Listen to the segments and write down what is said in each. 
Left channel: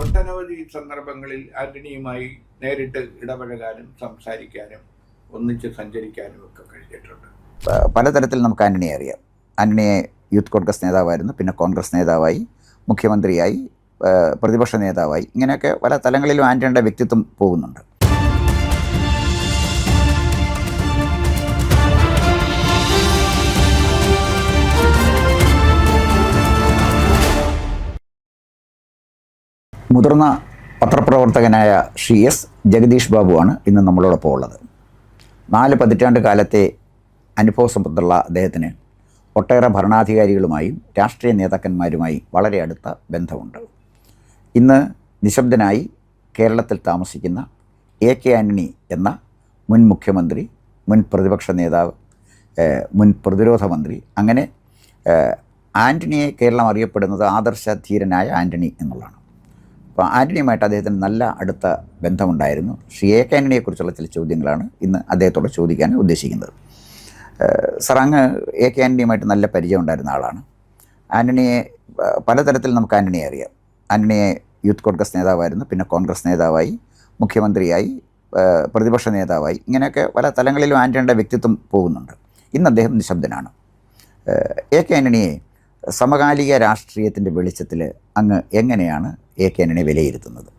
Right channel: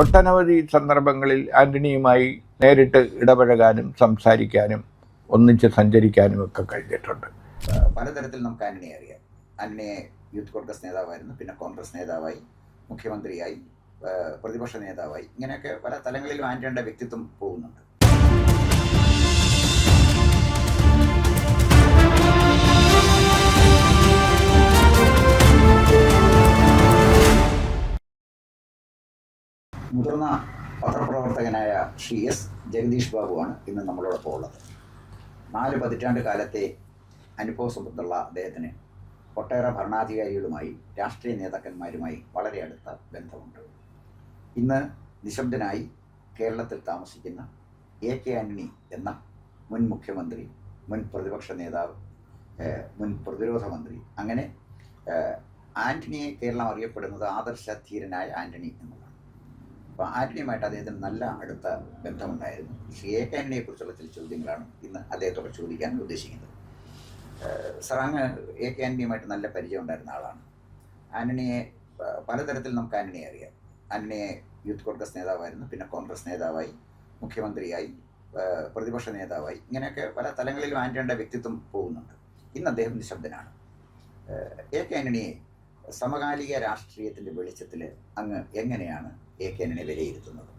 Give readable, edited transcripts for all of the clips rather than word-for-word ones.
ഒട്ടനവധി സന്ദർഭങ്ങളിൽ ആന്റണിയുമായി നേരിട്ട് ഇടപഴകാനും സംസാരിക്കാനും ഒന്നിച്ച് സഞ്ചരിക്കാനും ഒക്കെ കഴിഞ്ഞിട്ടുണ്ട്. പലതരത്തിൽ നമുക്ക് ആന്റണിയെ അറിയാം. ആന്റണിയെ യൂത്ത് കോൺഗ്രസ് നേതാവായിരുന്നു, പിന്നെ കോൺഗ്രസ് നേതാവായി, മുഖ്യമന്ത്രിയായി, പ്രതിപക്ഷ നേതാവായി, ഇങ്ങനെയൊക്കെ പല തലങ്ങളിലും ആന്റണിയുടെ വ്യക്തിത്വം പോകുന്നുണ്ട്. മുതിർന്ന പത്രപ്രവർത്തകനായ ശ്രീ എസ് ജഗദീഷ് ബാബുവാണ് ഇന്ന് നമ്മളോടൊപ്പം ഉള്ളത്. 4 പതിറ്റാണ്ട് കാലത്തെ അനുഭവസമ്പത്തുള്ള അദ്ദേഹത്തിന് ഒട്ടേറെ ഭരണാധികാരികളുമായും രാഷ്ട്രീയ നേതാക്കന്മാരുമായി വളരെ അടുത്ത ബന്ധമുണ്ട്. ഇന്ന് നിശബ്ദനായി കേരളത്തിൽ താമസിക്കുന്ന AK ആൻ്റണി എന്ന മുൻ മുഖ്യമന്ത്രി, മുൻ പ്രതിപക്ഷ നേതാവ്, മുൻ പ്രതിരോധ മന്ത്രി, അങ്ങനെ ആൻ്റണിയെ കേരളം അറിയപ്പെടുന്നത് ആദർശധീരനായ ആൻ്റണി എന്നുള്ളതാണ്. അപ്പോൾ ആൻ്റണിയുമായിട്ട് അദ്ദേഹത്തിന് നല്ല അടുത്ത ബന്ധമുണ്ടായിരുന്നു. ശ്രീ AK ആൻ്റണിയെക്കുറിച്ചുള്ള ചില ചോദ്യങ്ങളാണ് ഇന്ന് അദ്ദേഹത്തോട് ചോദിക്കാൻ ഉദ്ദേശിക്കുന്നത്. സർ, അങ്ങ് AK ആൻ്റണിയുമായിട്ട് നല്ല പരിചയം ഉണ്ടായിരുന്ന ആളാണ്. ആൻ്റണിയെ പലതരത്തിൽ നമുക്ക് ആൻ്റണിയെ അറിയാം. ആൻ്റണിയെ യൂത്ത് കോൺഗ്രസ് നേതാവായിരുന്നു, പിന്നെ കോൺഗ്രസ് നേതാവായി, മുഖ്യമന്ത്രിയായി, പ്രതിപക്ഷ നേതാവായി, ഇങ്ങനെയൊക്കെ പല തലങ്ങളിലും ആൻ്റണിയുടെ വ്യക്തിത്വം പോകുന്നുണ്ട്. ഇന്ന് അദ്ദേഹം നിശബ്ദനാണ്. AK ആൻ്റണിയെ സമകാലിക രാഷ്ട്രീയത്തിൻ്റെ വെളിച്ചത്തിൽ അങ്ങ് എങ്ങനെയാണ് AK ആൻ്റണിയെ വിലയിരുത്തുന്നത്?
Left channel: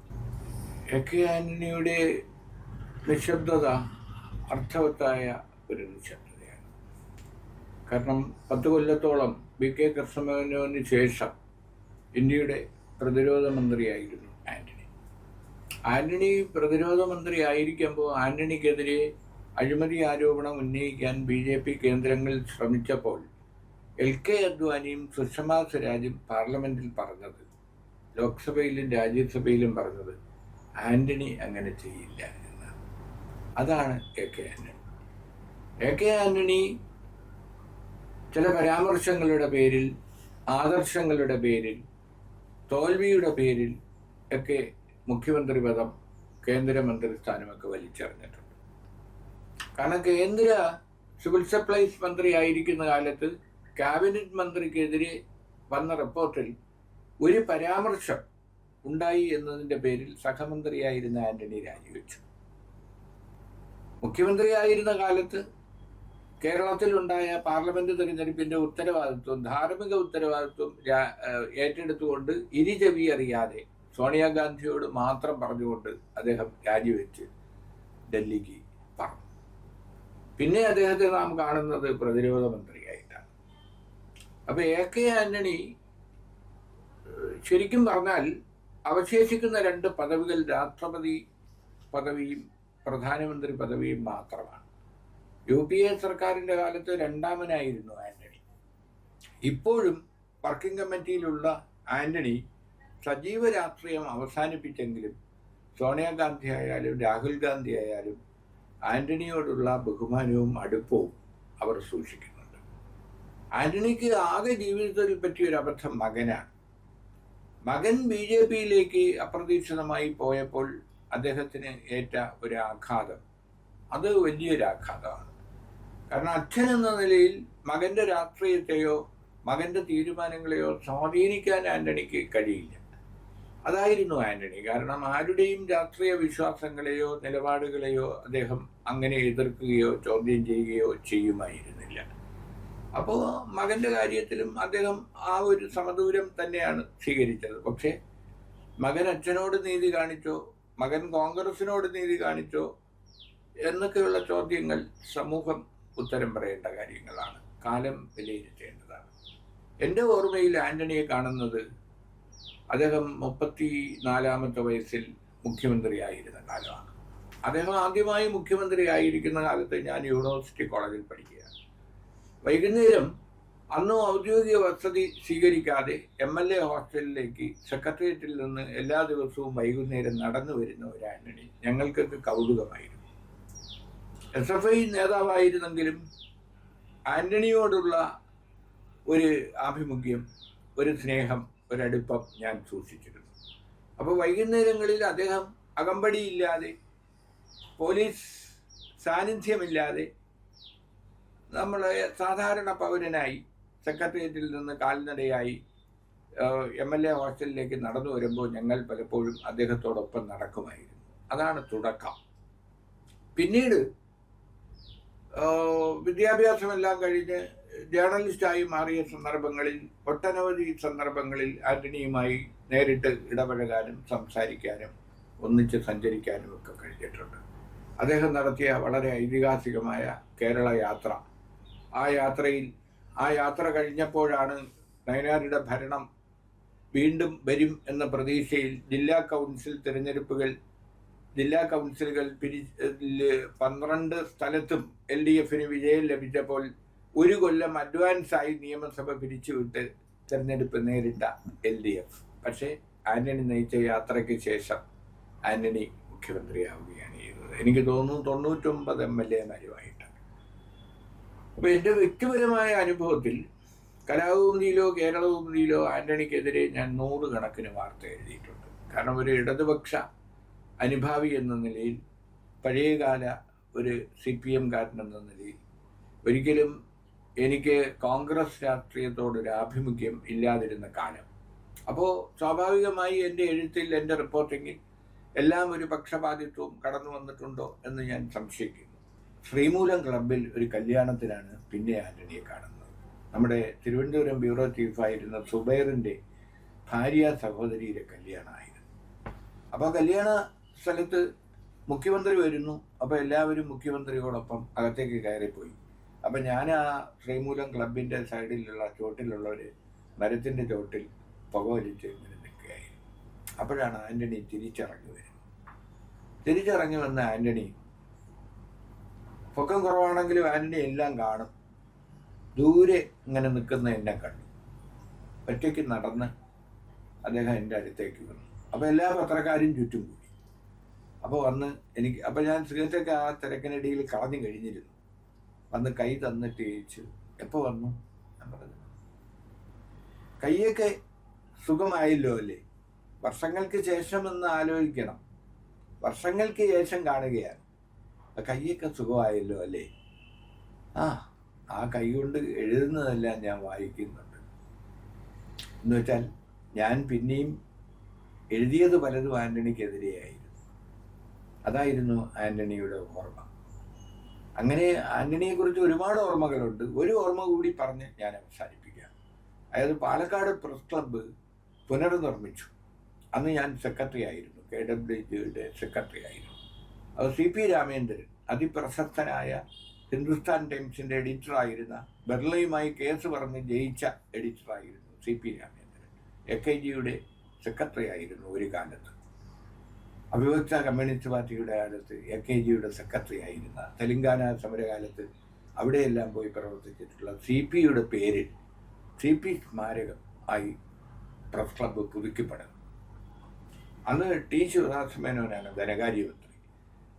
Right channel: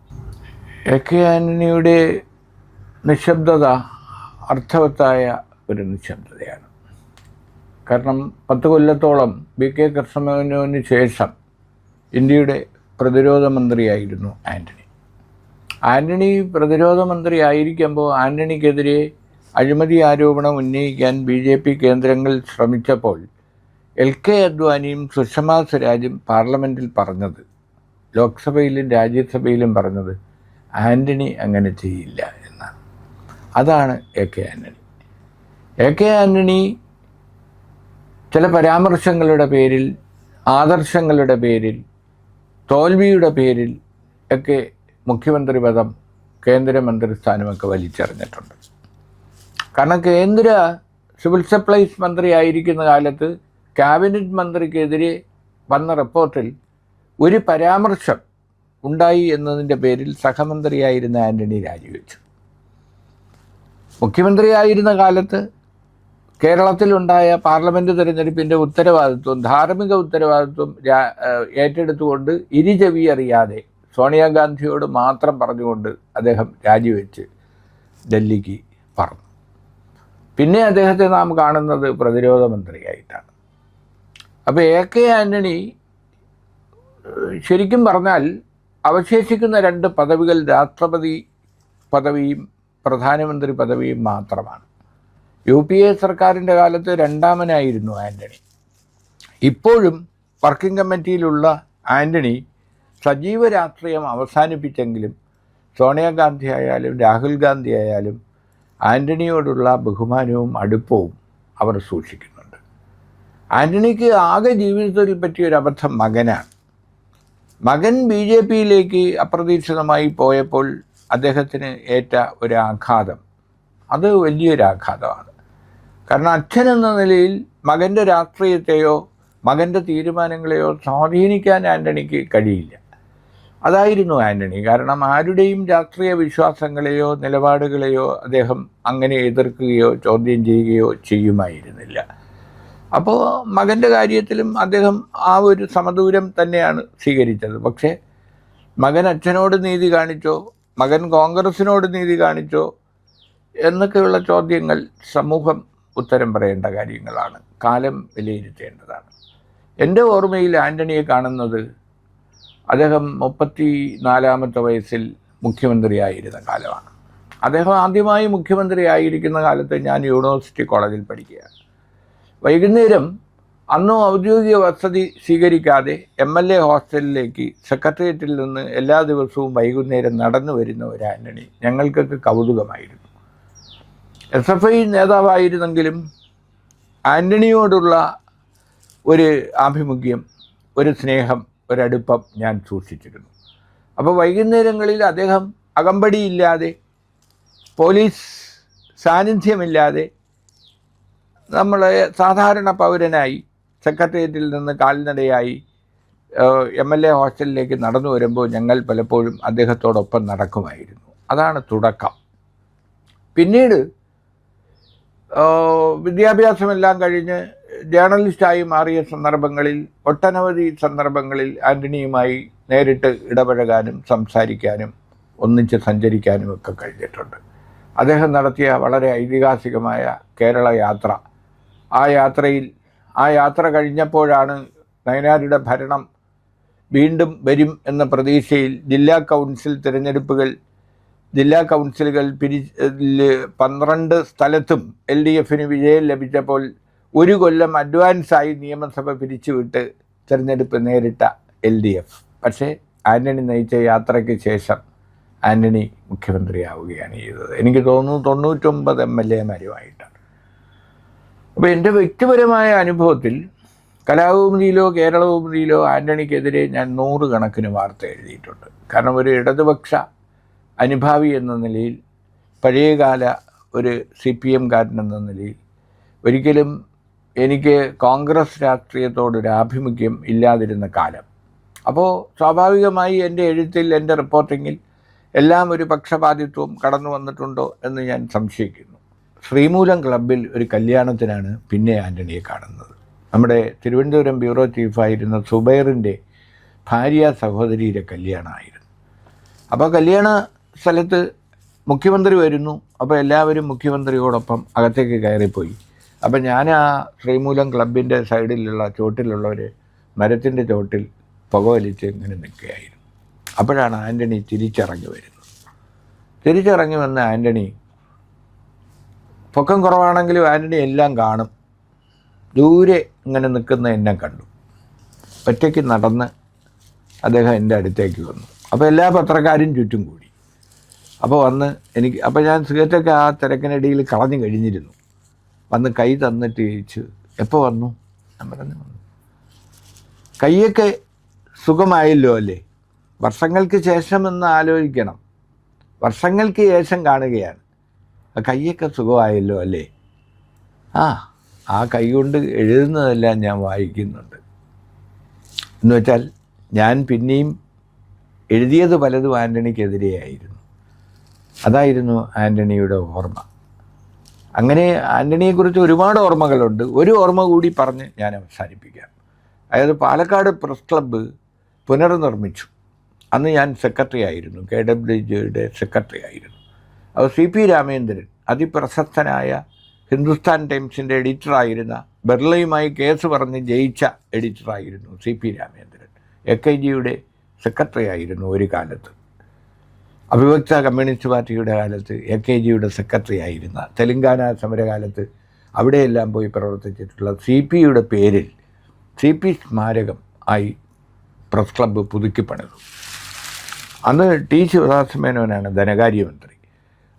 AK ആൻ്റണിയുടെ നിശബ്ദത അർത്ഥവത്തായ ഒരു നിശബ്ദതയാണ്. കാരണം 10 കൊല്ലത്തോളം BK കൃഷ്ണമേനോന് ശേഷം ഇന്ത്യയുടെ പ്രതിരോധ മന്ത്രിയായിരുന്നു ആൻ്റണി. ആൻ്റണി പ്രതിരോധ മന്ത്രി ആയിരിക്കുമ്പോൾ ആൻ്റണിക്കെതിരെ അഴിമതി ആരോപണം ഉന്നയിക്കാൻ BJP കേന്ദ്രങ്ങൾ ശ്രമിച്ചപ്പോൾ LK അദ്വാനിയും സുഷമ സ്വരാജും പാർലമെൻറ്റിൽ പറഞ്ഞത്, ലോക്സഭയിലും രാജ്യസഭയിലും പറഞ്ഞത്, ആൻ്റണി അങ്ങനെ ചെയ്യില്ല എന്നാണ്. അതാണ് AK ആൻ്റണി. AK ആൻ്റണി ചില പരാമർശങ്ങളുടെ പേരിൽ, ആദർശങ്ങളുടെ പേരിൽ, തോൽവിയുടെ പേരിൽ ഒക്കെ മുഖ്യമന്ത്രി പദം, കേന്ദ്രമന്ത്രി സ്ഥാനമൊക്കെ വലിച്ചെറിഞ്ഞിട്ടുണ്ട്. കാരണം കേന്ദ്ര സിവിൽ സപ്ലൈസ് മന്ത്രി ആയിരിക്കുന്ന കാലത്ത് ക്യാബിനറ്റ് മന്ത്രിക്കെതിരെ വന്ന റിപ്പോർട്ടിൽ ഒരു പരാമർശം ഉണ്ടായി എന്നതിൻ്റെ പേരിൽ സഹമന്ത്രിയായിരുന്ന ആൻ്റണി രാജിവെച്ചു. മുഖ്യമന്ത്രിയായിരുന്ന കാലത്ത് കേരളത്തിലുണ്ടായ പാർലമെൻറ്റ് തിരഞ്ഞെടുപ്പിൻ്റെ ഉത്തരവാദിത്വം, ധാർമ്മിക ഉത്തരവാദിത്വം ഏറ്റെടുത്തുകൊണ്ട് ഇരുചെവി അറിയാതെ സോണിയാഗാന്ധിയോട് മാത്രം പറഞ്ഞുകൊണ്ട് അദ്ദേഹം രാജിവെച്ച് ഡൽഹിക്ക് പറഞ്ഞു. പിന്നെ അദ്ദേഹത്തെ നാം കാണുന്നത് പ്രതിരോധ മന്ത്രിയായിട്ടാണ്. അപ്പോൾ AK ആൻ്റണി ശരിക്കും പറഞ്ഞാൽ അവശേഷിക്കുന്ന 2 പദവികൾ രാഷ്ട്രപതി പദവിയും പ്രധാനമന്ത്രി പദവിയും മാത്രമാണ്. UPA സർക്കാരിൻ്റെ കാലത്ത് 2ാമനായിരുന്നു ആൻ്റണി. ഇപ്പോഴും വർക്കിംഗ് കമ്മിറ്റിയിലുള്ള ആൻ്റണി സജീവ രാഷ്ട്രീയം അവസാനിപ്പിച്ചെങ്കിലും സോണിയാഗാന്ധി ആയാലും രാഹുൽ ഗാന്ധി ആയാലും ആൻ്റണിയോടുള്ള ബഹുമാനവും അടുപ്പവും അവർ സൂക്ഷിക്കുന്നുണ്ട്. ആൻ്റണിക്ക് ആകെ ജീവിതത്തിൽ പറ്റിയൊരു അബദ്ധം മകനാണ്. മകൻ BJPയിലേക്ക് അപ്രതീക്ഷിതമായി പോയപ്പോൾ അദ്ദേഹത്തിന് ഏറ്റ ഒരു ആഘാതം, അത് വലിയൊരു ആഘാതമാണ്. കാരണം അച്ഛനെന്ന നിലയിൽ മകൻ്റെ രാഷ്ട്രീയത്തെയോ മകൻ്റെ തീരുമാനങ്ങളെയോ സ്വാധീനിക്കാൻ ആൻ്റണിക്ക് കഴിയില്ല. അതായിരുന്നു ആൻ്റണി. കാരണം ആരുടെയും രാഷ്ട്രീയ വിശ്വാസങ്ങളെയോ നിലപാടുകളെയോ അദ്ദേഹം അങ്ങനെ എതിർക്കുകയോ ചോദ്യം ചെയ്യുകയോ ചെയ്യുമായിരുന്നില്ല. അപ്പോൾ മകൻ്റെ കാര്യത്തിലും അദ്ദേഹം ആ ഒരു സമദൂരം തന്നെയാണ് സ്വീകരിച്ചത്. പക്ഷേ മകൻ അച്ഛനോട് നീതി കാണിച്ചോ, മകൻ കോൺഗ്രസിനോട് നീതി കാണിച്ചോ എന്നൊക്കെയുള്ള ചോദ്യങ്ങൾ സമൂഹം ഉത്തരം പറയേണ്ട കാര്യങ്ങളാണ്, കാലം വിലയിരുത്തേണ്ടതാണ്. എൻ്റെ ഓർമ്മയിൽ ആൻ്റണിയെ കാണുന്നത് അദ്ദേഹം 34ാമത്തെ വയസ്സിൽ മുഖ്യമന്ത്രിയായിരുന്ന കാലമാണ്. അദ്ദേഹം ആദ്യമായി മുഖ്യമന്ത്രി ആയിരിക്കുന്ന കാലത്ത് ഞാൻ യൂണിവേഴ്സിറ്റി കോളേജിൽ പഠിക്കുകയാണ്. വൈകുന്നേരം അന്നും ഔദ്യോഗിക വസതി സ്വീകരിക്കാതെ MLA ഹോസ്റ്റലിലേക്ക് സെക്രട്ടേറിയറ്റിൽ നിന്ന് എല്ലാ ദിവസവും വൈകുന്നേരം നടന്നു വരുന്ന ഒരു ആൻ്റണി ഞങ്ങൾക്കൊക്കെ കൗതുകമായിരുന്നു. SFI നേതാവായിരുന്നെങ്കിലും ആൻ്റണിയോടുള്ള ഒരു ആഭിമുഖ്യം, ഒരു സ്നേഹം, ഒരടുപ്പം ഞാൻ സൂക്ഷിച്ചിരുന്നു. അപ്പോൾ വൈകുന്നേരങ്ങളിൽ അദ്ദേഹം അകമ്പടിയില്ലാതെ, പോലീസ് സാന്നിധ്യമില്ലാതെ നമ്മളെ സാധാരണ പൗരനായി സെക്രട്ടേറിയറ്റിൽ നിന്ന് കാൽനടയായി MLA ഹോസ്റ്റലിലേക്ക് നടന്നു വരുമ്പോൾ ഞങ്ങൾ പലപ്പോഴും അദ്ദേഹത്തോടൊപ്പം നടക്കുമായിരുന്നു. അതാണ് തുടക്കം. പിന്നീട് വിദ്യാഭ്യാസമെല്ലാം കഴിഞ്ഞ് ജേർണലിസ്റ്റായി മാറിയ സന്ദർഭങ്ങളിൽ, ഒട്ടനവധി സന്ദർഭങ്ങളിൽ ആൻ്റണിയുമായി നേരിട്ട് ഇടപഴകാനും സംസാരിക്കാനും ഒന്നിച്ച് സഞ്ചരിക്കാനും ഒക്കെ കഴിഞ്ഞിട്ടുണ്ട്. അദ്ദേഹം നടത്തിയ വളരെ ഐതിഹാസികമായ കേരള യാത്ര, ആ യാത്ര കഴിഞ്ഞപ്പോഴാണ് നയനാരുടെ ഭരണം വീണ്ടും വരും എന്ന പ്രതീക്ഷയിൽ ജില്ലാ കൗൺസിലുകൾ 12 സ്ഥലത്തും LDFന് വിജയം ലഭിച്ചപ്പോൾ 1 കൊല്ലം അഡ്വാൻസായി നിയമസഭ പിരിച്ചുവിട്ട് തിരഞ്ഞെടുപ്പ് നേരിട്ട LDF. പക്ഷേ ആൻ്റണി നയിച്ച യാത്രയ്ക്ക് ശേഷം ആൻ്റണി മുഖ്യമന്ത്രിയാവുകയാണ് ചെയ്തത്. എനിക്ക് തോന്നുന്നു 99 MLAമാരുമായിട്ടാണ്. അപ്പോൾ എൻ്റെ വ്യക്തിപരമായ അനുഭവത്തിൽ കലാകൗമുദിയിലോ കേരളകൗമുദിയിലോ ആൻ്റണിക്കെതിരെ ഞാൻ 100 കണക്കിന് വാർത്ത എഴുതിയിട്ടുണ്ട്. കാരണം ഒരു ഇടതുപക്ഷ അനുഭാവി എന്ന നിലയിൽ, പഴയകാല ഒരു CPMകാരൻ എന്ന നിലയിൽ ഒരിക്കലും എനിക്ക് കോൺഗ്രസ് രാഷ്ട്രീയത്തോടൊരു ആഭിമുഖ്യം ഇല്ലാതിരുന്ന കാലം. അപ്പോൾ സ്വാഭാവികമായി എൻ്റെ എഴുത്തിൽ, എൻ്റെ റിപ്പോർട്ടിങ്ങിൽ എല്ലാം ഒരു പക്ഷപാതിത്വം കടന്നു വന്നിട്ടുണ്ടോ എന്ന് ഞാൻ സംശയിക്കുന്നു. ശ്രീമൂലം ക്ലബ്ബിൽ ഒരു കല്യാണത്തിനാണ് പിന്നെ ആൻ്റണിയെ കാണുന്നത്. നമ്മുടെ തിരുവനന്തപുരം ബ്യൂറോ ചീഫായിരുന്ന സുബൈറിൻ്റെ ഭാര്യ സഹോദരിയുടെ കല്യാണമായിരുന്നു. അപ്പോൾ കല്യാണ സ്ഥലത്ത് മുഖ്യമന്ത്രി വരുന്നു. അപ്പോൾ എല്ലാവരും മുഖ്യമന്ത്രിയോടൊപ്പം അകത്തേക്ക് കയറിപ്പോയി. അപ്പം ഞാൻ ആ ശ്രീമൂലം ക്ലബിൻ്റെ സൈഡിലുള്ള ചോട്ടിലുള്ള ഒരു മരത്തിൻ്റെ ചോട്ടിൽ പുകവലിച്ച് ഇങ്ങനെ നിൽക്കുകയായിരുന്നു. അപ്പോഴാണ് ആൻ്റണി തിരിച്ചിറങ്ങി വരുന്നത്. തിരിച്ചിറങ്ങി വന്ന ആൻ്റണി, പൊക്കം കുറവാണെങ്കിലും ആൻ്റണി എല്ലാം കാണും, ദൂരെ ഇങ്ങനെ നിൽക്കുന്ന എന്നെ കണ്ടു. ഒറ്റയ്ക്ക് നടന്ന് അദ്ദേഹം എൻ്റെ അടുത്തേക്ക് വന്നു. അപ്പോൾ എല്ലാ പത്രക്കാരും ചുറ്റും കൂടി. അപ്പോൾ അപ്പോൾ ഞാൻ സിഗരറ്റൊക്കെ ആ തിരക്കിനിടയിൽ കളഞ്ഞു കഴിഞ്ഞിരുന്നു. വന്ന് കൈ തന്നിട്ട് ചോദിച്ചു, എപ്പോൾ വന്നു? ഞാൻ പറഞ്ഞു, കൈയൊക്കെ സുഖമായല്ലോ അല്ലേ? വർഷങ്ങൾക്ക് ശേഷമെന്ന് ആലോചിക്കണം. വർഷങ്ങൾക്ക് ശേഷം കാണുകയാണ്. കൈയൊക്കെ സുഖമായല്ലോ അല്ലേ? ആ കൈ കൊണ്ട് എഴുതുന്നതെല്ലാം ഞാൻ വായിക്കുന്നുണ്ട്. എന്ന് വെച്ചാൽ ഞാൻ പിന്നെയും എഴുതിയത് പലതും ആൻ്റണിക്കെതിരെയായിരുന്നു. അതായിരുന്നു ആൻ്റണിയുടെ ഓർമ്മ. അങ്ങനെ ആൻ്റണിയെക്കുറിച്ച് ഒരുപാട് ഓർമ്മകളുണ്ട്. ഒരു ഓർമ്മ കൂടി പറഞ്ഞ് ഞാൻ അവസാനിപ്പിക്കാം. അതായത് പാലക്കാട് പ്രസ് ക്ലബ്ബ് പുനർനിർമ്മിച്ചു. അന്ന് ഞാൻ സെക്രട്ടറി ആയിരുന്നു, KWJയുടെ സെക്രട്ടറി ആയിരുന്നു. അപ്പോൾ CP രാമേന്ദ്രൻ, അതിപ്രശസ്തനായ ഹിന്ദുസ്ഥാൻ ടൈംസിൻ്റെ എഡിറ്ററായിരുന്ന, ബെർളയുമായി കേസ് പറഞ്ഞ് ജയിച്ച എഡിറ്ററായിരുന്നു CP രാമേന്ദ്രൻ. AKGയുടെ സെക്രട്ടറി ആയിരുന്നു ഒരു കാലത്ത്. അവിഭക്ത കമ്മ്യൂണിസ്റ്റ് പാർട്ടിയുടെ കാലത്ത് AKGയുടെ സെക്രട്ടറി ആയിരുന്ന, തെലങ്കാന സമരകാലത്ത് അവിടെയെല്ലാം പോയി പ്രവർത്തിച്ചിട്ടുള്ള CPയുടെ പേരിൽ CP സ്മാരകം ആയി പ്രസ് ക്ലബ്ബ് പുതുക്കിപ്പണിതു. അന്ന് T. ശിവദാസമേനോനാണ് ധനകാര്യമന്ത്രി.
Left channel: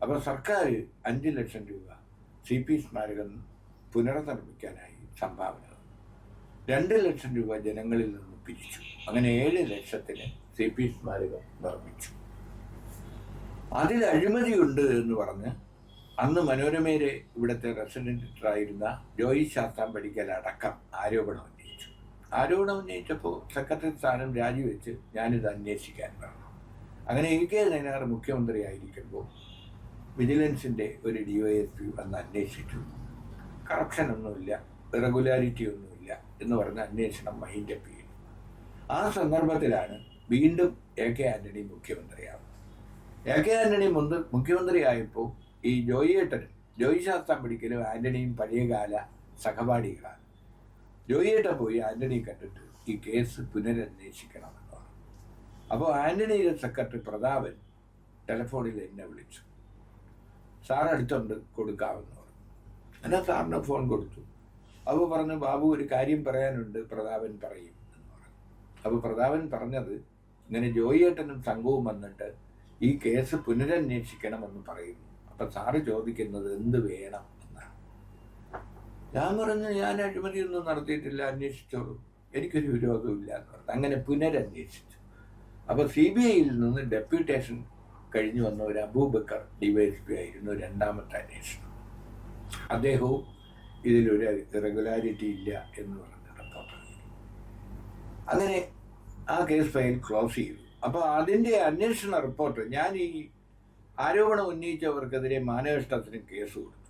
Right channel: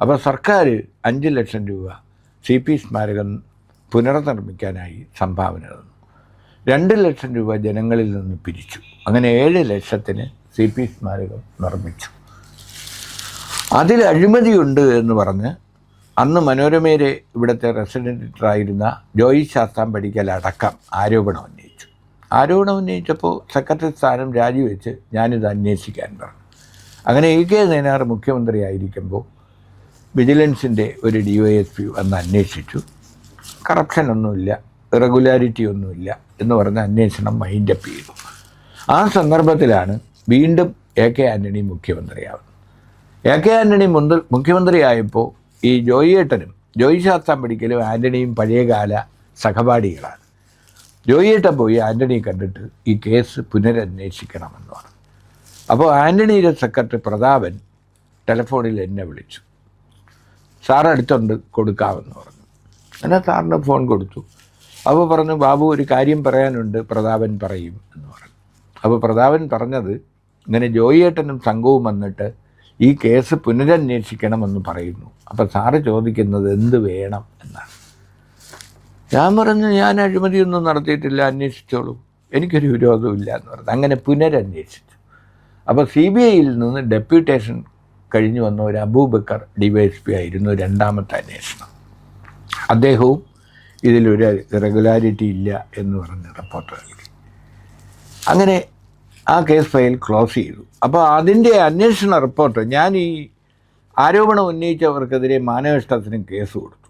അപ്പോൾ സർക്കാർ 5 ലക്ഷം രൂപ CP സ്മാരകം പുനർനിർമ്മിക്കാനായി സംഭാവന തന്നു. 2 ലക്ഷം രൂപ ജനങ്ങളിൽ നിന്ന് പിരിച്ചു. അങ്ങനെ 7 ലക്ഷത്തിന് CP സ്മാരകം നിർമ്മിച്ചു. അതിൽ അഴിമതിയുണ്ട് എന്ന് പറഞ്ഞ് അന്ന് മനോരമയിലെ ഇവിടുത്തെ റെസിഡൻറ്റ് എഡിറ്ററായിരുന്ന ജോയി ശാസ്താംപടിക്കൽ അടക്കം ആരോപണം ഉന്നയിച്ചപ്പോൾ സെക്രട്ടറി സ്ഥാനം രാജിവെച്ച് ഞാനിത് അന്വേഷിക്കാൻ പറഞ്ഞു. അങ്ങനെ AK നയനാർ മുഖ്യമന്ത്രിയായിരിക്കുമ്പോൾ വിജിലൻസിൻ്റെ ഒരു DYSP വന്ന് അന്വേഷിച്ചു. കറപ്ഷനൊന്നുമില്ല, ഇറഗുലാരിറ്റി ഒന്നുമില്ല എന്ന് പറഞ്ഞ് അന്വേഷണം മൈൻഡപ്പ് ചെയ്തു. ആ സന്ദർഭത്തിലാണ് വീണ്ടും AK ആൻ്റണി മുഖ്യമന്ത്രിയാവുന്നത്. AK ആൻ്റണി മുഖ്യമന്ത്രിയായപ്പോൾ ഈ ജോയി ശാസ്താംപടിക്കലും ആൻ്റണിയും പഴയകാല സഹപാഠികളാണ്. ജോയിയേട്ടൻ പോയി ആൻ്റണിയെ കണ്ടിട്ട് ഈ കേസ് പുനരന്വേഷിക്കണമെന്ന് പറഞ്ഞു. അപ്പോൾ ആൻ്റണിയുടെ സെക്രട്ടറി പ്രതാപൻ ടെലിഫോണിൽ എന്നെ വിളിച്ചു. സാർ അടുത്തുണ്ട്, കൊടുക്കാമെന്ന് പറഞ്ഞു. അങ്ങനെ സാറിന് ഫോൺ കൊടുത്തു. അപ്പോൾ പറഞ്ഞു, ബാബു ഒരു കാര്യം പറയാനുണ്ട്, പ്രതാപൻ പറയും എന്ന് പറഞ്ഞു. അപ്പോൾ പ്രതാപൻ പറഞ്ഞത്, ഇങ്ങനെ ജോയിയേട്ടനും സംഘവും വന്നിട്ട് ഈ കേസ് പുനരന്വേഷിക്കണമെന്ന് പറയുന്നു. അപ്പോൾ സാറ് ചോദിക്കുന്നത് എന്ത് വേണം എന്നാണ്. ഞാൻ പറഞ്ഞു, ഞാൻ അഴിമതിയൊന്നും നടത്തിയിട്ടില്ല, അന്വേഷിച്ചോളൂ, എനിക്കൊരു വിരോധമില്ല എന്ന് പറഞ്ഞു. അങ്ങനെ പുനരന്വേഷിച്ചു. അപ്പോൾ CBIയിൽ നിന്ന് ഡെപ്യൂട്ടേഷൻ കഴിഞ്ഞു വന്ന ഒരു അബൂബക്കർ DYSP ആയിരുന്നു രണ്ടാമത്തെ അന്വേഷണം. അദ്ദേഹവും ഇതിലൊരു ഇറഗുലാരിറ്റി ഇല്ല എന്ന് പറഞ്ഞ് റിപ്പോർട്ട് നൽകി. അങ്ങനെ ആ കേസ് ഫയൽ ക്ലോസ് ചെയ്തു. അപ്പോൾ അതിൻ്റെ അന്വേഷണ റിപ്പോർട്ട് ഞാൻ ഈ ആരോപണം ഉന്നയിച്ചവർക്കെതിരെ മാനനഷ്ടത്തിന് കേസ് കൊടുത്തു.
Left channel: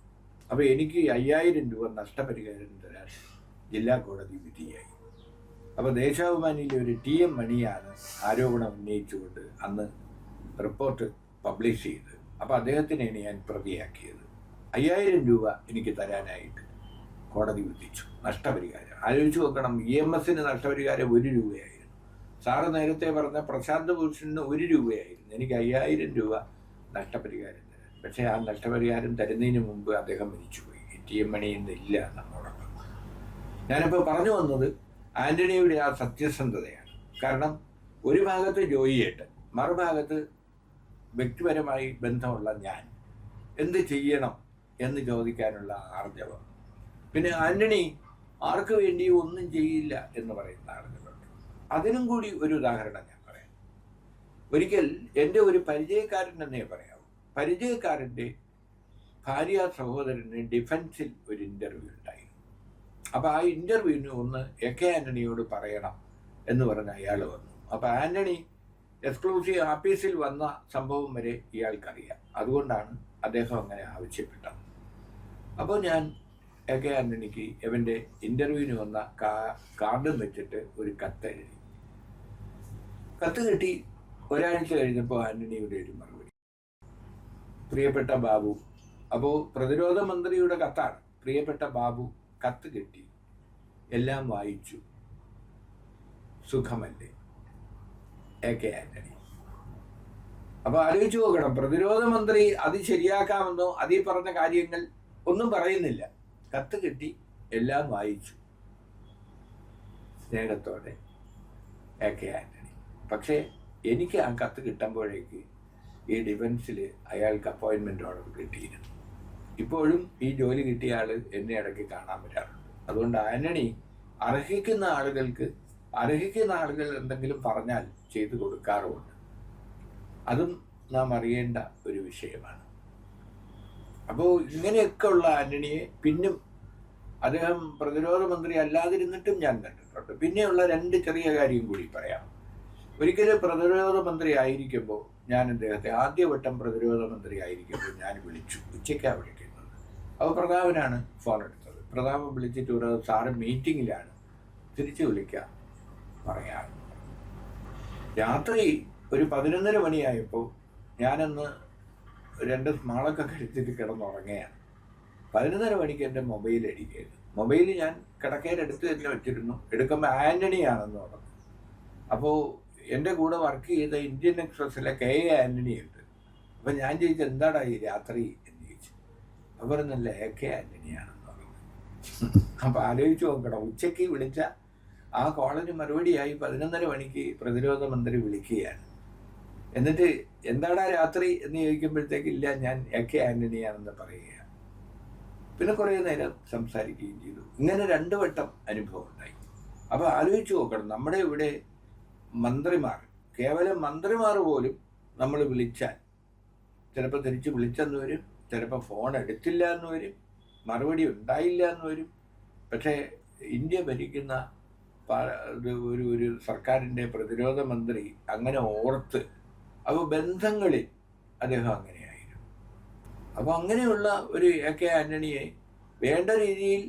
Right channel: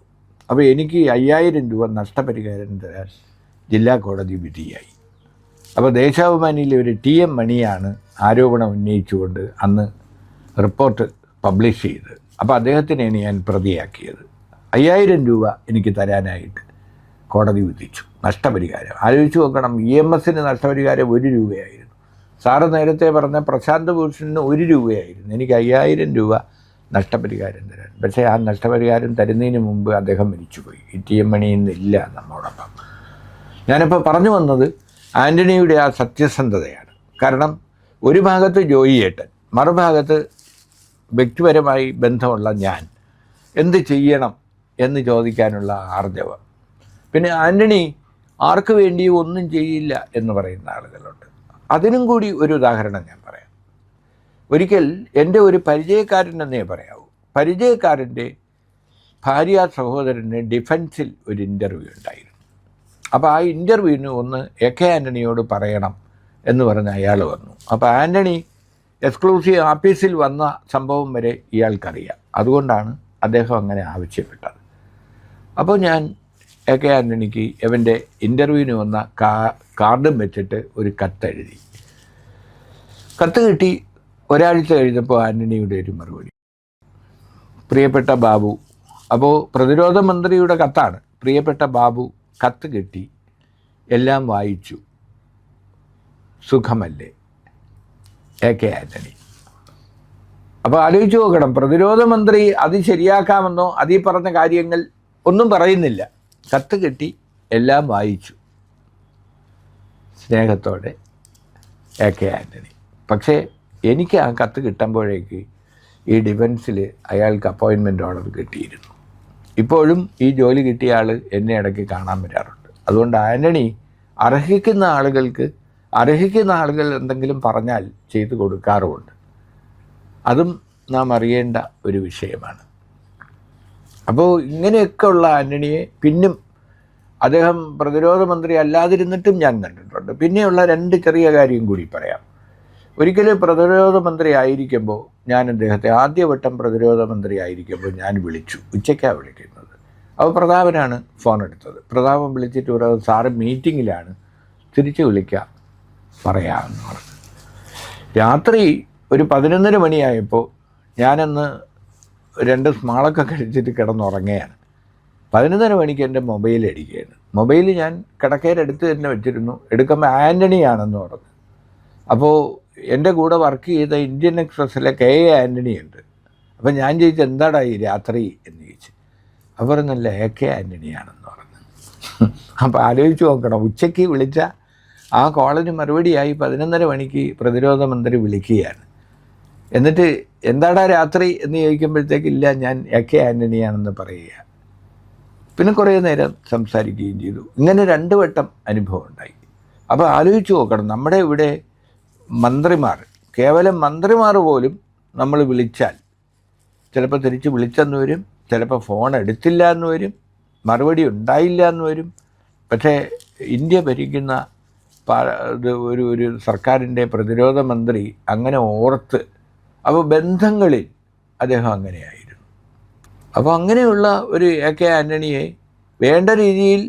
അപ്പോൾ എനിക്ക് 5000 രൂപ നഷ്ടപരിഹാരം തരാൻ ജില്ലാ കോടതി വിധിയായി. അപ്പോൾ ദേശാഭിമാനിയിലെ ഒരു TM മണിയാണ് ആരോപണം ഉന്നയിച്ചുകൊണ്ട് അന്ന് റിപ്പോർട്ട് പബ്ലിഷ് ചെയ്ത്. അപ്പോൾ അദ്ദേഹത്തിനെയാണ് ഞാൻ പ്രതിയാക്കിയത്. 5000 രൂപ എനിക്ക് തരാനായിട്ട് കോടതി വിധിച്ചു നഷ്ടപരിഹാരം. ആലോചിച്ച് നോക്കണം, EMSന് നഷ്ടപരിഹാരം 1 രൂപയായിരുന്നു. സാറ് നേരത്തെ പറഞ്ഞ പ്രശാന്ത് ഭൂഷണിന് 1 രൂപയായിരുന്നു. എനിക്ക് 5000 രൂപ നഷ്ടപരിഹാരം തരാൻ. പക്ഷേ ആ നഷ്ടപരിഹാരം തരുന്നതിന് മുമ്പ് അദ്ദേഹം മരിച്ചുപോയി. TM മണി ഇന്നില്ല നമ്മോടൊപ്പം. ഞാനിപ്പോൾ പറഞ്ഞു വന്നത് ആൻ്റണിയുടെ ആ സത്യസന്ധതയാണ്. കാരണം ഒരു ഭാഗത്ത് ജോയി ഏട്ടൻ, മറുഭാഗത്ത് വ്യക്തിപരമായി ബന്ധമുള്ള ഞാൻ എന്ത് ചെയ്യണം എന്ന് ചോദിക്കാനുള്ള ആർജവം. പിന്നെ ആൻ്റണി ആർക്ക് വേണ്ടിയും ഒന്നും ചെയ്യില്ല എന്ന് പറയുന്ന ആളുകളുണ്ട്. അതിനും കൂടി ഒരു ഉദാഹരണം ഞാൻ പറയാം. ഒരിക്കൽ എൻ്റെ ഒരു പരിചയക്കാരൻ എന്നേ പറയാവൂ, പരിചയക്കാരൻ്റെ ഭാര്യ സഹോദരന് ഡിഫൻസിൽ ഒരു ഇൻ്റർവ്യൂ ഉണ്ടായിരുന്നു. അപ്പോൾ ആ ഇൻ്റർവ്യൂവിന് ഒന്ന് AK ആൻ്റണിയോട് പറയണം എന്ന് പറഞ്ഞ് അയാൾ വന്നു. അപ്പോൾ ആൻ്റണി എക്സ്ക്ലൂസീവ് ആഫീസിൽ വന്ന സംഭവം വരെ ഇയാൾക്കറിയാം. അതുകൊണ്ടാണ് അദ്ദേഹം അങ്ങനെ ആവശ്യപ്പെട്ടത്. അപ്പോൾ ഞാൻ AK ആൻ്റണിക്ക് അവൻ്റെ ഇൻ്റർവ്യൂവിന് വന്ന കാർഡും വെച്ചിട്ട് ഒരു കത്തെഴുതി. കത്ത് കിട്ടി. ഒരാഴ്ച കഴിഞ്ഞപ്പോൾ ആൻ്റണിയുടെ ഒരു മറുപടി, പ്രിയപ്പെട്ട ബാബു. അപ്പോൾ പ്രതിരോധ മന്ത്രിയുടെ കത്താണ്. പ്രിയപ്പെട്ട ബാബു, കത്ത് കിട്ടി, എല്ലാം വായിച്ചു, സുഖമല്ലേ? AK ആൻ്റണി. അപ്പോൾ ആലോചിച്ച് നോക്കണം, പ്രതിരോധ മന്ത്രി അത് ശരിയാക്കാമെന്നോ അതീ പറഞ്ഞ കാര്യങ്ങൾ ഒന്നും പറയുന്നില്ല. കത്ത് കിട്ടി, എല്ലാം വായിച്ചു, സ്നേഹത്തോടെ AK ആൻ്റണി. പക്ഷേ എനിക്ക് ആ കത്ത് കിട്ടുമ്പോഴേക്ക് ഈ ഡിഫൻസിൽ അയാൾക്ക് അപ്പോയിൻമെൻ്റ് ഓർഡർ കിട്ടിയിരുന്നു. ഇപ്പോഴും ഈ ജോലി കിട്ടിയ ആൾ എന്നെ ഇടയ്ക്ക് കാണാൻ വരാറുണ്ട്. അതുകൊണ്ട് ആൻ്റണി അർഹിക്കുന്ന ആളുകൾ എന്തെങ്കിലും പറഞ്ഞാൽ ചെയ്തു കൊടുക്കാറുമുണ്ട്. അതും നാം അറിയേണ്ട ഒരു വിഷയമാണ്. അപ്പോൾ ഇങ്ങനെയൊക്കെ ഉള്ള ആൻ്റണിയെ പിന്നും അദ്ദേഹം പ്രതിരോധ മന്ത്രി അല്ലാതിരുന്നിട്ടും ഞാൻ കണ്ടിട്ടുണ്ട്. പിന്നെയുള്ള 2 ചെറിയ കാര്യം കൂടി പറയാം. ഒരിക്കലും പ്രതിരോധ മന്ത്രി ആയിരിക്കുമ്പോൾ ഞാൻ അദ്ദേഹത്തെ ആദ്യവട്ടം പ്രതിരോധ മന്ത്രി ആയിരിക്കുമ്പോൾ ഞാൻ വിളിച്ചു. ഉച്ചയ്ക്കാണ് വിളിക്കുന്നത്. അപ്പോൾ പ്രതാപനാണ് ഫോൺ എടുത്തത്. പ്രതാപൻ വിളിച്ചിട്ട് പറയുന്നത്, സാറ് മീറ്റിങ്ങിലാണ്, തിരിച്ച് വിളിക്കാം, പറയാമെന്ന് പറഞ്ഞു. രാത്രി ഒരു 11 മണിയായപ്പോൾ ഞാനന്ന് 2 സ്മാളൊക്കെ കഴിച്ചിട്ട് കിടന്നുറങ്ങുകയാണ്. 11 മണിക്ക് എൻ്റെ മൊബൈൽ അടിക്കുകയാണ്. മൊബൈൽ ഞാൻ കിടക്കയിലെടുത്ത് തന്നെ വെച്ചിരുന്നു. എടുക്കുമ്പോൾ ആൻ്റണിയാണെന്ന് പറഞ്ഞു. അപ്പോൾ എൻ്റെ കൂടെ വർക്ക് ചെയ്ത ഇന്ത്യൻ എക്സ്പ്രസ്സിലെ KA ആൻ്റണി ഉണ്ട്. അപ്പം ഞാൻ ചോദിച്ചു, എന്താടാ ഈ രാത്രി എന്ന് ചോദിച്ചു. അപ്പോൾ പറഞ്ഞല്ല, AK ആൻ്റണിയാണെന്ന് പറഞ്ഞു. അപ്പോൾ ആലോചിച്ച് നോക്കണം, ഉച്ചയ്ക്ക് വിളിച്ച ആ കോളിന് മറുപടിയായി 11 മണിക്ക് പ്രതിരോധ മന്ത്രി വിളിക്കുകയാണ്. എന്നിട്ട് എന്താടാ രാത്രി എന്ന് ചോദിക്കുമ്പോഴത്തേക്ക്, ഇല്ല, ഞാൻ AK ആൻ്റണിയാണെന്ന് പറയുക. പിന്നെ കുറേ നേരം സംസാരിക്കുകയും ചെയ്തു. ഇങ്ങനെ 2 വട്ടം അനുഭവം ഉണ്ടായി. അപ്പോൾ ആലോചിച്ച് നോക്കണം, നമ്മുടെ ഇവിടെ മന്ത്രിമാർ, കേവലം മന്ത്രിമാർ പോലും നമ്മൾ വിളിച്ചാൽ ചിലപ്പോൾ തിരിച്ച് വിളിച്ചെന്ന് വരും, ചിലപ്പോൾ ഫോൺ എടുത്തില്ല എന്ന് വരും, മറുപടി ഉണ്ടായില്ല എന്ന് വരും. പക്ഷേ ഇന്ത്യ ഭരിക്കുന്ന ഒരു സർക്കാരിൻ്റെ പ്രതിരോധ മന്ത്രി അങ്ങനെ ഓർത്ത്, അപ്പോൾ ബന്ധങ്ങളിൽ അദ്ദേഹം അങ്ങനെയായിരുന്നു. അപ്പോൾ അങ്ങനെയുള്ള ഒരു AK ആൻ്റണിയെ വേണ്ട രീതിയിൽ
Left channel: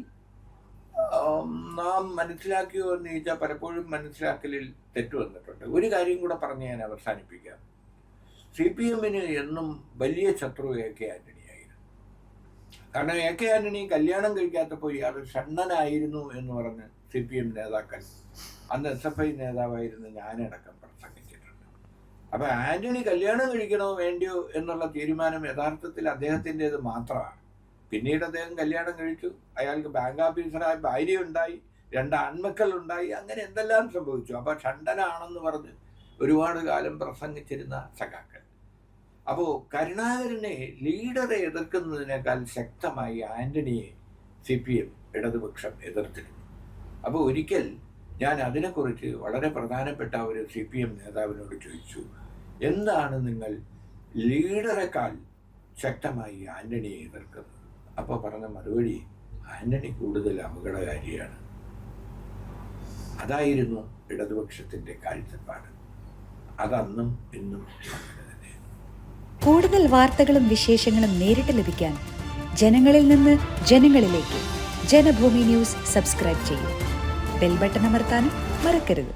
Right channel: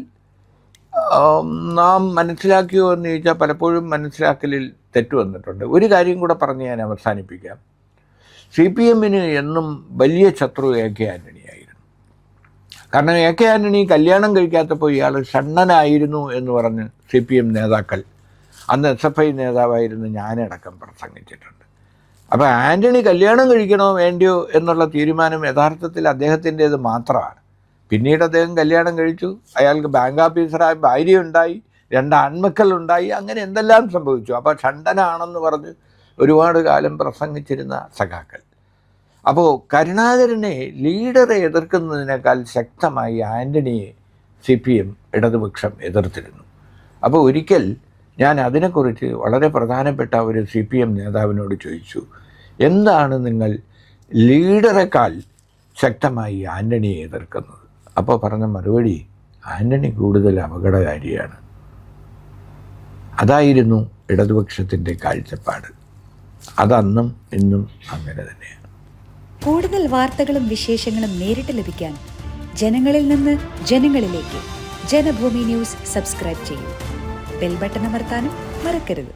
നാം മനസ്സിലാക്കിയോ എന്ന് ചോദിച്ചാൽ പലപ്പോഴും മനസ്സിലാക്കലിൽ തെറ്റ് വന്നിട്ടുണ്ട്. ഒരു കാര്യം കൂടെ പറഞ്ഞ് ഞാൻ അവസാനിപ്പിക്കാം. CPMന് എന്നും വലിയ ശത്രു AK ആൻ്റണിയായിരുന്നു. കാരണം AK ആൻ്റണി കല്യാണം കഴിക്കാത്തപ്പോൾ ഇയാൾ ഷണ്ണനായിരുന്നു എന്ന് പറഞ്ഞ് CPM നേതാക്കൾ, അന്ന് SFI നേതാവായിരുന്നു ഞാനടക്കം പ്രസംഗിച്ചിട്ടുണ്ട്. അപ്പോൾ ആൻ്റണി കല്യാണം കഴിക്കണോ വേണ്ടിയോ എന്നുള്ള തീരുമാനം യഥാർത്ഥത്തിൽ അദ്ദേഹത്തിൻ്റേത് മാത്രമാണ്. പിന്നീട് അദ്ദേഹം കല്യാണം കഴിച്ചു, അയാൾക്ക് ബാങ്ക് ഓഫീസറായി ഭാര്യയുണ്ടായി, 2 ആൺമക്കളുണ്ടായി, അങ്ങനെ എന്തെല്ലാം സംഭവിച്ചു. അപ്പോൾ ഷണ്ടനാണെന്ന് പറഞ്ഞ് ഒരുപാട് കാലം പ്രസംഗിച്ചിരുന്ന സഖാക്കൾ. അപ്പോൾ കരുണാകരനെ, ലീഡറെ എതിർക്കുന്നതിനേക്കാൾ ശക്തമായി ആൻ്റണിയെ CPM ഇടതുപക്ഷം എതിർത്തിരുന്നു. അപ്പോൾ ഒരിക്കൽ ഞാൻ അതിനെക്കുറിച്ച് വളരെ പ്രധാനപ്പെട്ട ഒരു CPM നേതാവിനോട് ചോദിച്ചു, എന്താണ് നിങ്ങൾ ലീഡറെക്കാൾ ശക്തമായി ആൻ്റണിയെ എതിർക്കുന്നത്? അപ്പോൾ പറഞ്ഞ മറുപടി, ആൻ്റണി കൂടുതൽ അപകടകാരിയാണ്. അതായിരുന്നു ഇടതുപക്ഷത്തിൻ്റെ കാഴ്ചപ്പാട്. അതന്നും ഇന്നും അങ്ങനെ തന്നെയാണ്. കൂടുതൽ വാർത്തകളും വിശേഷങ്ങളും നേരിട്ട് ലഭിക്കാൻ ജനങ്ങളിൽ നിന്ന് ജനങ്ങളിലേക്ക് ജനഭൂമി ന്യൂസ് സബ്സ്ക്രൈബ് ചെയ്യൂ. ബെൽ ബട്ടൺ അമർത്താനും മറക്കരുത്.